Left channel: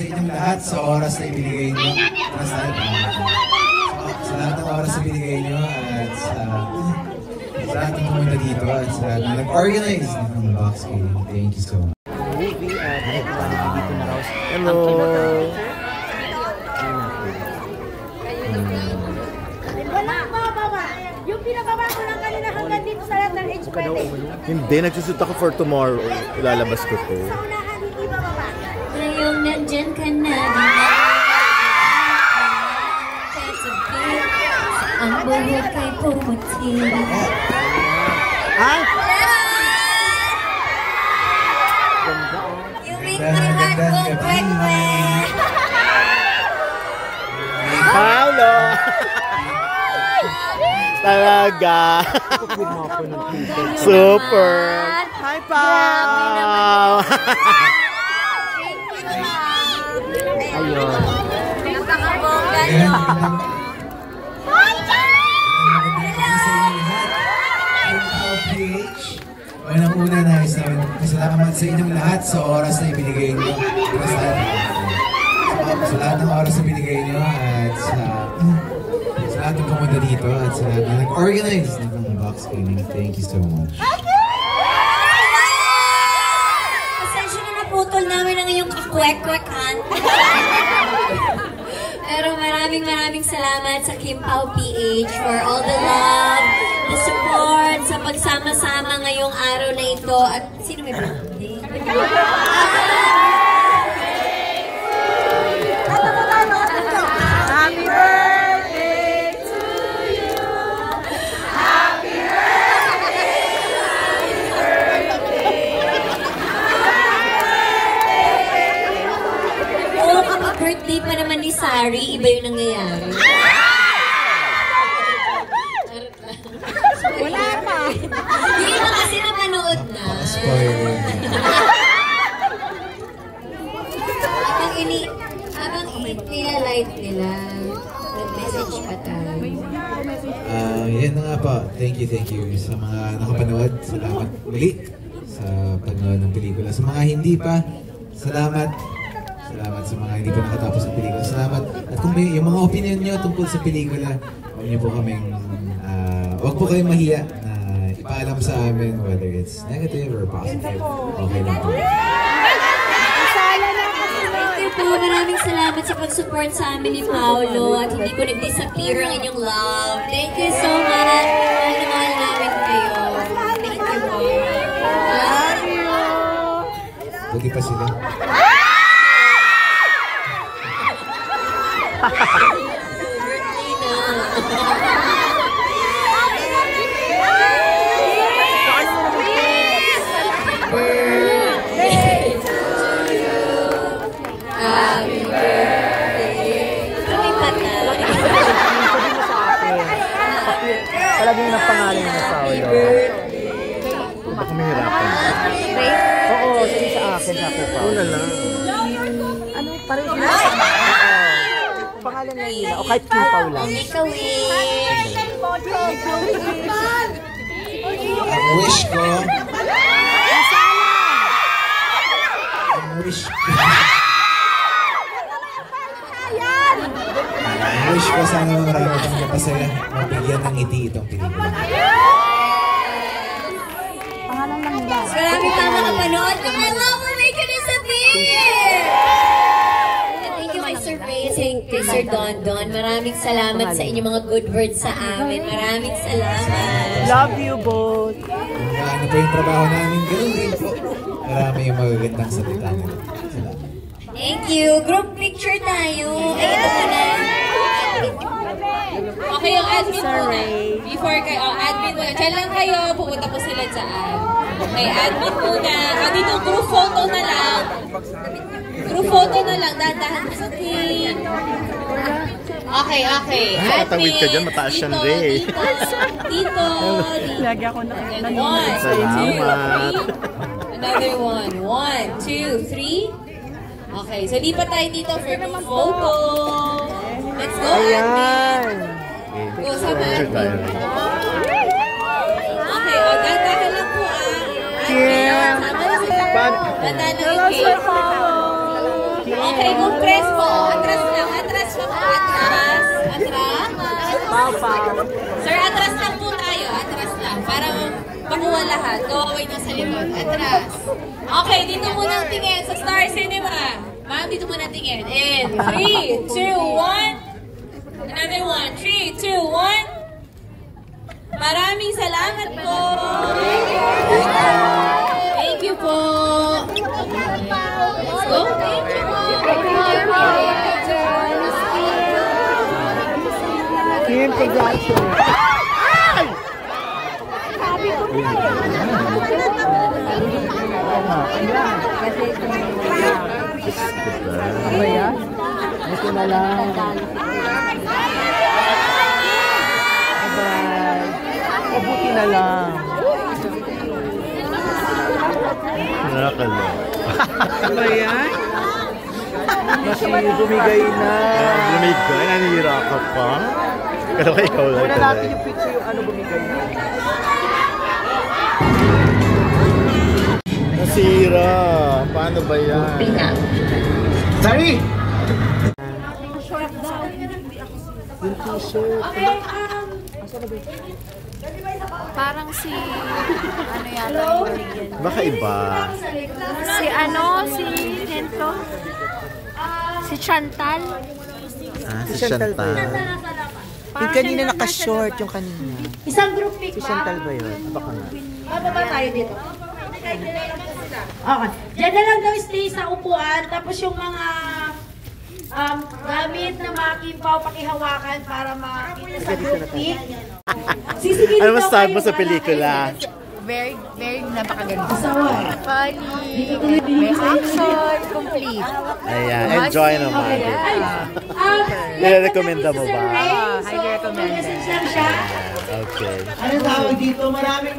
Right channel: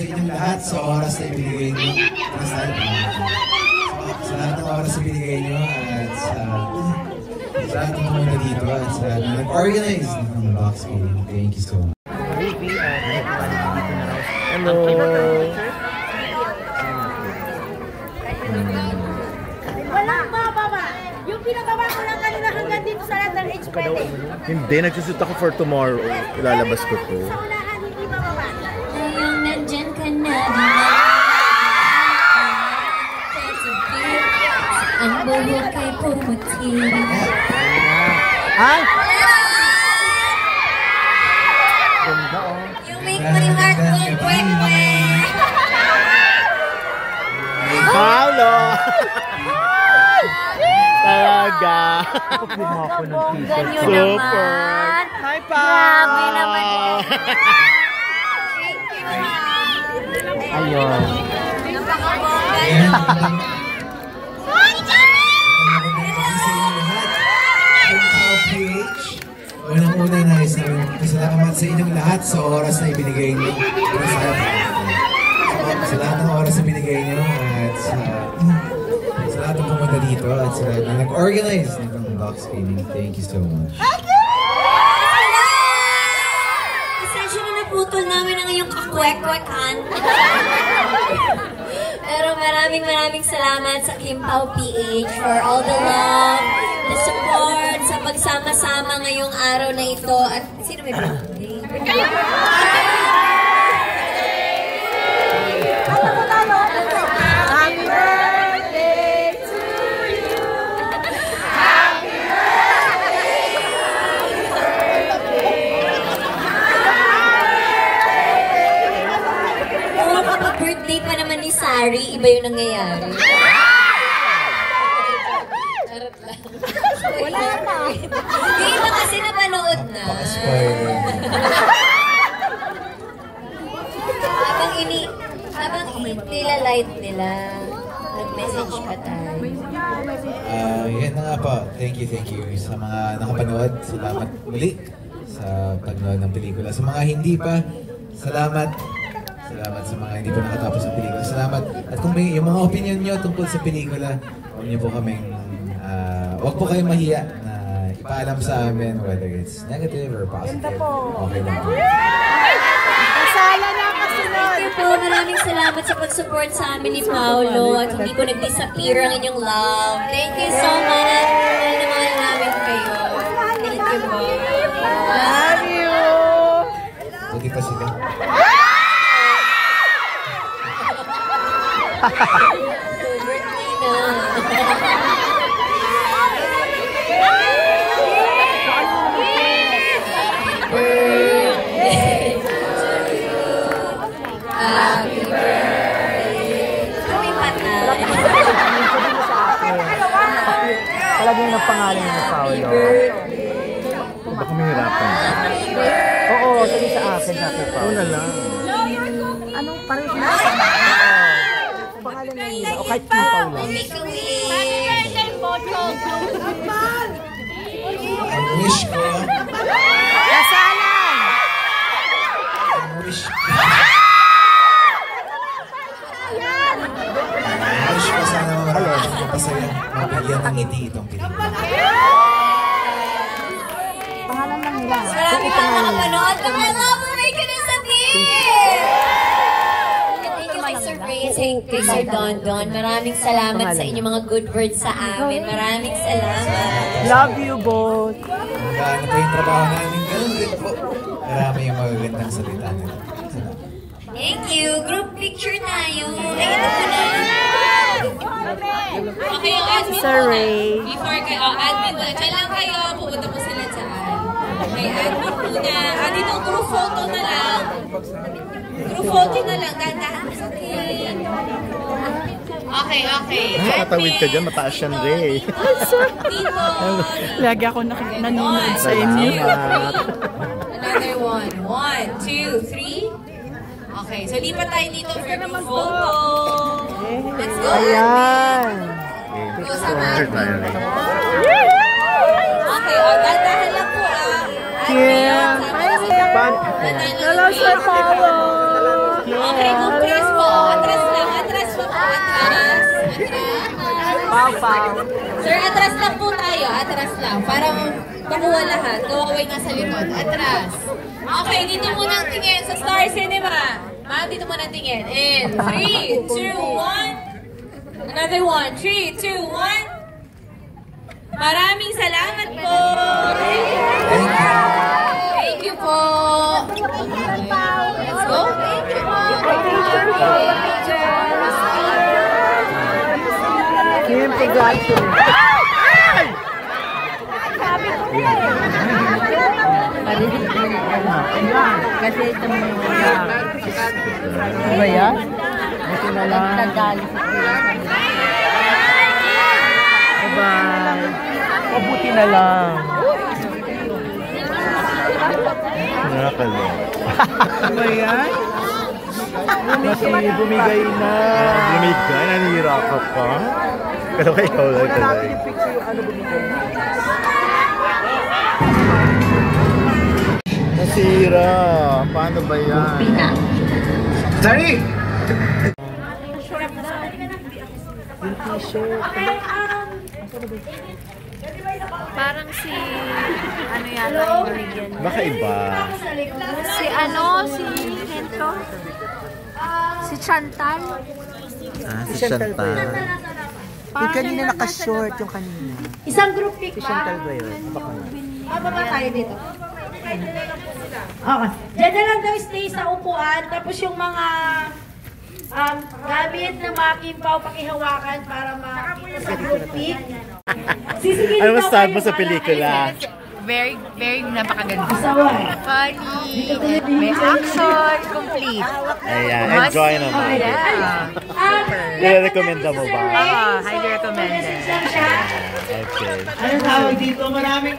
sa inyong lahat sa oras na ibinigay nyo. Sa lahat ng oras na ibinigay nyo at sa lahat ng pumunta dito at sa lahat na nag-organize ng box game. Thank you so much. Hello! Hindi, nagsusuot ako for tomorrow. Ilalabas ko to. Ngayong nandyan ka na, ang buhok kay pumuti. Ha? Yung make mo rin heart ko, kwek-kwek. Paolo! Talaga. Super. Hi, Pao. Ayun. Napakabongga niyo. Unang-una na salamat sa inyong lahat sa oras na ibinigay niyo. Sa lahat ng oras na binigay niyo at sa lahat ng pumunta dito at sa lahat na nag-organize ng box gaming. Thank you so much. Pasensya na naputol namin ang iyong kakwek-kwekan. Pero maraming salamat sa Kim Pao PH for all the love, the support, sa pagsama-sama ngayong araw na ito. At sino may birthday? Birthday pa naman ni Sari, iba yung nangyayari. Wala na. Hindi na kasi napanood na. Habang nila-light nila, nag-message pa tayo. Yan na nga po. Thank you sa mga nakapanood. Salamat muli sa panood ng pelikula. Sa mga hindi pa, salamat sa mga hindi pa nakatapos ng pelikula. Salamat. At kung may yung mga opinion nyo tungkol sa pelikula, huwag po kayong mahiya na ipaalam sa amin whether it's negative or positive. Okay lang po. Thank you po. Maraming salamat sa pag-support sa amin ni Paolo at hindi po nag-disappear ang inyong love. Thank you so much. Mahal namin kayo. Thank you po. Love you. Buti pa sila. Birthday na. Happy birthday. Kami patay. Sabi mo sa akin. Palagi yung pangalan niya na Paolo. Baka may hirapan. Oo, sabi sa akin, Paolo. Una lang. Ano, parang na? Pangalan na nila. O kahit Kim Pao lang. Wish ko. Wish ko sana marami siyang mapasaya, mabigyan ng ngiti itong pelikula. Marami pa naman napanood. Kung alam mo, may kanisabihin! Thank you kay Sir Ray, kay Sir Don. Maraming salamat sa inyong mga good words sa amin. Maraming salamat. Love you both. Kung gaano po yung trabaho namin, ganoon din po. Marami yung magagandang salita nila. Thank you. Group picture tayo. Ito po na. Okay, yung admin po na. Before kayo, admin po na. Diyan lang kayo, pupunta po sila dyan. Okay, admin po na. Dito, group photo na lang. Group photo na lang. Dahan-dahan po sa team. Okay. Nakatawid ka dyan, mataas yan, Ray. Dito. Lagi ako nanonood sa inyo. Salamat. Another one. 1, 2, 3. Okay, so lipat tayo dito for group photo. Let's go. Ayan. Go sa mat. Okay, dahan lang po Yeah. Dahan lang yung Okay, kung press mo, atras lang. Atras mo. Atras. Atras. Pau. Sir, atras lang po tayo. Atras lang. Para makuha lahat. Kawaway na sa limon. Atras. Okay, dito muna ang tingin sa Star Cinema. Ma'am, dito muna ang tingin. In 3, 2, 1. Another one. 3, 2, 1. Maraming salamat po. Thank you po. Let's go. Thank you po. Kim Production. Kasi ano ba yan? Ito na lang. Bye-bye. Mabuti na lang. Nakakaloka. Ano ba yan? Kasi bumigay na. Bumigay? Nanira ka pa? Pero kay ikaw lang talaga. Nasira. Paano ba yan? Sorry! Yung t-shirt. Parang si ano yata yung binigyan. Baka iba. Si Kento? Si Chantal? Si Chantal. Yung kanina naka-short, yung kanina. Isang group pic Si Chantal ba yun? Baka na. Bababa tayo dito. Okay. Diyan na lang daw stay sa upuan. Tapos yung mga gamit na makimpaw, pakihawakan para makita sa group pic. Ano masasabi mo sa pelikula? Very napakaganda. Asawa. Funny, may action, complete. Ayan, enjoy naman. Nire-recommenda mo ba? Highly recommended. Okay. Ano tawag dito? Maraming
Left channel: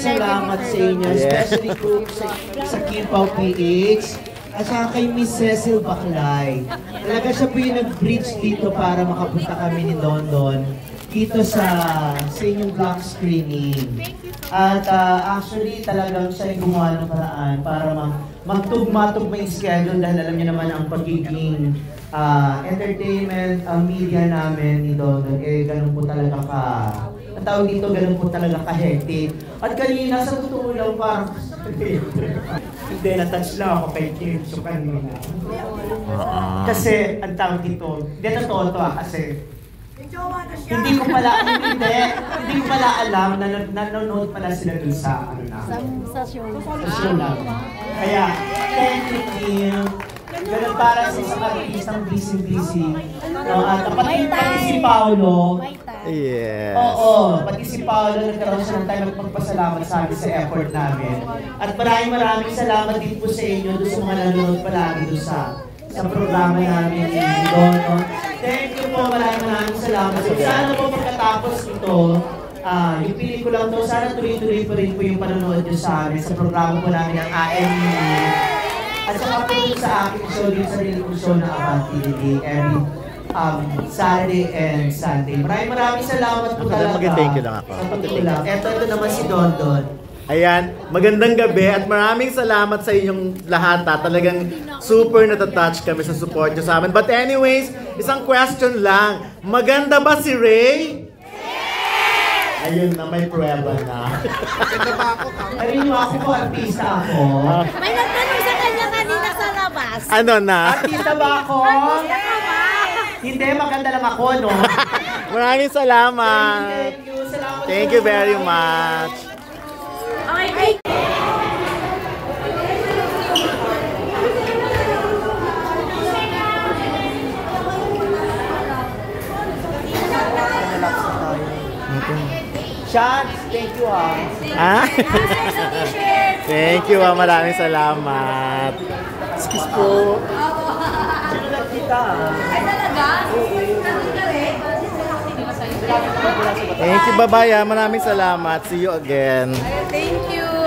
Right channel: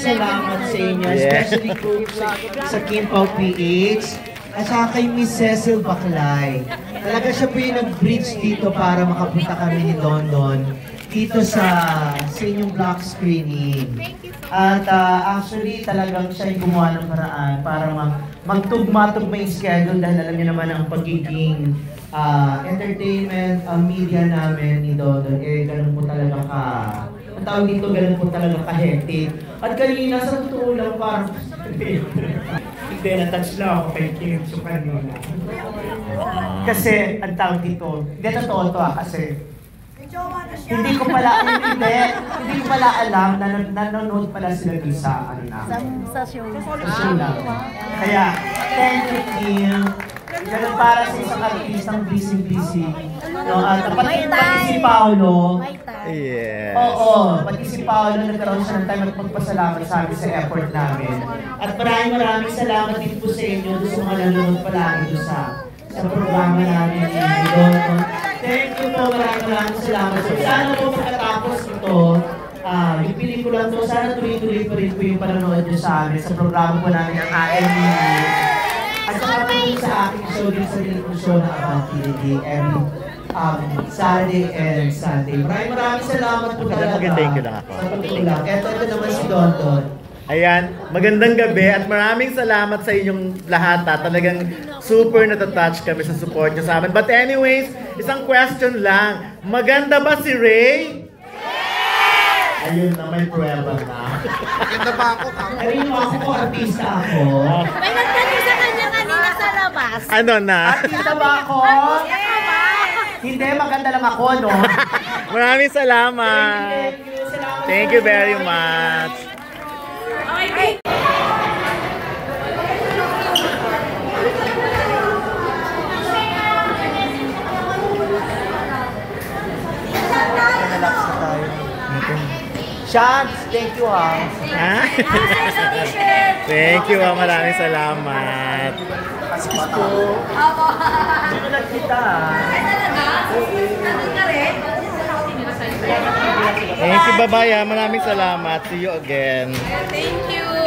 salamat sa inyo. Especially group sa Kimpaw PH. At saka kay Miss Cecil Baclay. Talaga siya po yung nag-bridge dito para makapunta kami ni London dito sa inyong block screening. At actually talagang siya yung gumawa ng paraan para magtugma-tugma yung schedule dahil alam niyo naman ang pagiging entertainment media namin ni Dodon. Ganun po talaga ang tawag dito, ganun po talaga ka-hectic. At kanina sa totoo lang parang hindi, na-touch lang ako kay Kim so kanina. Kasi ang tawag dito, hindi totoo ito kasi hindi ko pala alam na nanonood pala sila dun sa ano na. Sa show. Sa show lang. Kaya, thank you, Kim. Ganun para sa isang artistang busy. No, at pati si Paolo. Yes. Oo, pati si Paolo nagkaroon siya ng time at magpasalamat sa akin sa effort namin. At maraming salamat din po sa inyo doon sa mga nanonood palagi doon sa programa namin ni Dodo. Thank you po, maraming salamat. Sana po pagkatapos ito, yung pelikula po, sana tuloy-tuloy po rin po yung panonood nyo sa amin sa programa po namin ng AME. At saka po sa aking show din sa Nilipong Show na About PDD every Saturday and Sunday. Maraming salamat po talaga. Mag-thank you lang ako. Ito naman si Dondon. Ayan, magandang gabi at maraming salamat sa inyong lahat. Talagang super natatouch kami sa support nyo sa amin. But anyways, isang question lang. Maganda ba si Ray? Yes! Ayun na, may prueba na. Maganda ba ako? Ayun ako po, artista ako. May nagtanong sa kanya kanina sa labas. Ano na? Artista ba ako? Hindi, maganda lang ako, no? Maraming salamat. Thank you very much. Nalaps na tayo. Shots, thank you Ah? Thank you, maraming salamat. Tulad kita. Thank you, bye-bye. Maraming salamat. See you again. Thank you.